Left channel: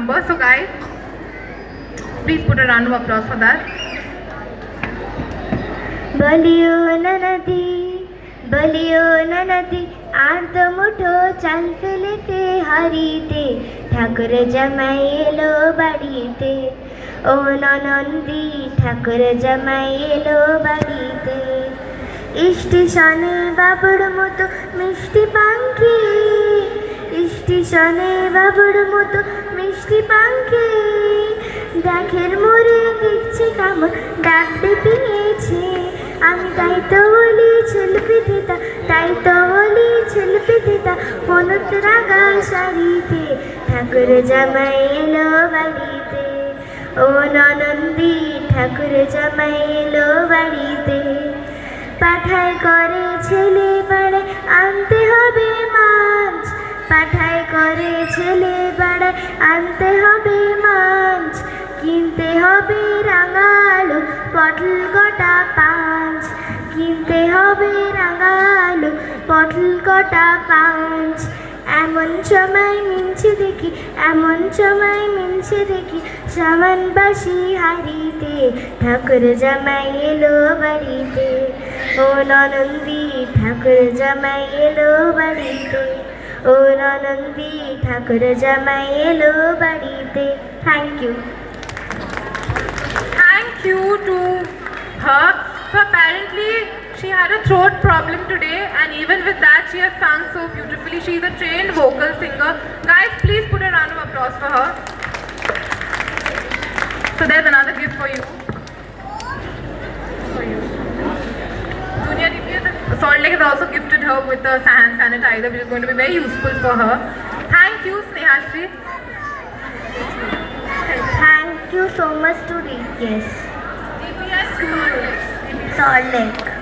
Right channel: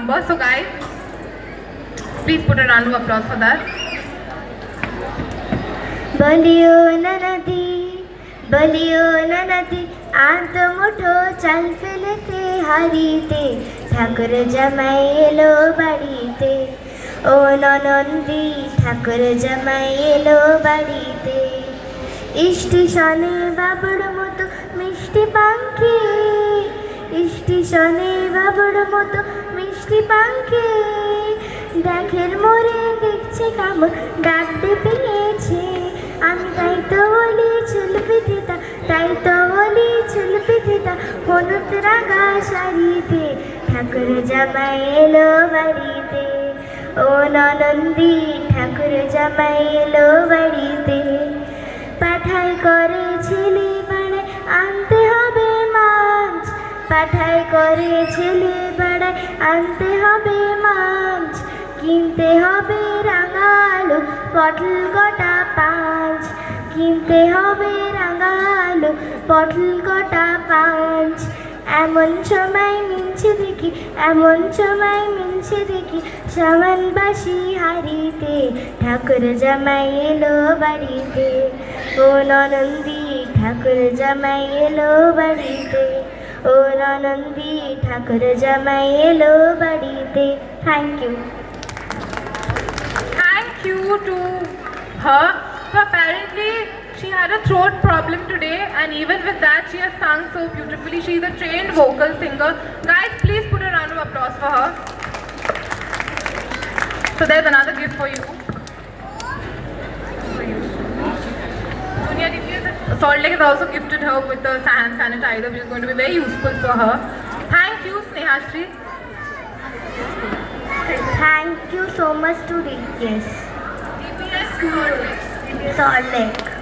number. So guys, please put a round of applause for that. বলিও না নদী, বলিও না নদী, আর তো মুঠো চাল ফেলেতে হারিতে, ঠাকুর জামাই এলো বাড়িতে। ও ননন্দী, ঠাকুর জামাই এলো বাড়িতে। স্টেশনে বাবুর মতো মিষ্টি পাখি, স্টেশনে বাবুর মতো মিষ্টি পাখি, দেখের মোড়ে দেখছে কেমন ডাক পেয়েছে। আমি তাই তো বলি চলবে দিদা, তাই তো বলি চলবে দিদা, হলুদ রাগা শাড়িতে, ঠাকুর জামাই এলো বাড়িতে। ও ননন্দী, ঠাকুর জামাই এলো বাড়িতে। পাঠায় করে ছেলে বাড়ে আনতে হবে মাছ, পাঠায় করে ছেলে বাড়ে আনতে হবে মাছ, কিনতে হবে রাঙা আলু পটল গোটা পাঁচ, কিনতে হবে রাঙা আলু পটল গোটা পাঁচ। এমন সময় মিলছে দেখি, এমন সময় মিলছে দেখি, সামান বাসি হারিতে, ঠাকুর জামাই এলো বাড়িতে। ও ননন্দী, ঠাকুর জামাই এলো বাড়িতে। ও ননন্দী, ঠাকুর জামাই এলো বাড়িতে। Thank you. Thank you to her. So apparently she had a throat problem today, and even with that she has sung so beautifully. She is a trained vocal singer. Guys, please put a round of applause for her. So there's another gift for you. Junior DPS Salt Lake has also gifted her with a hand sanitizer, which is going to be very useful for her. Thank you, Snehashri. Thank you so much to DPS DPS School. Salt Lake.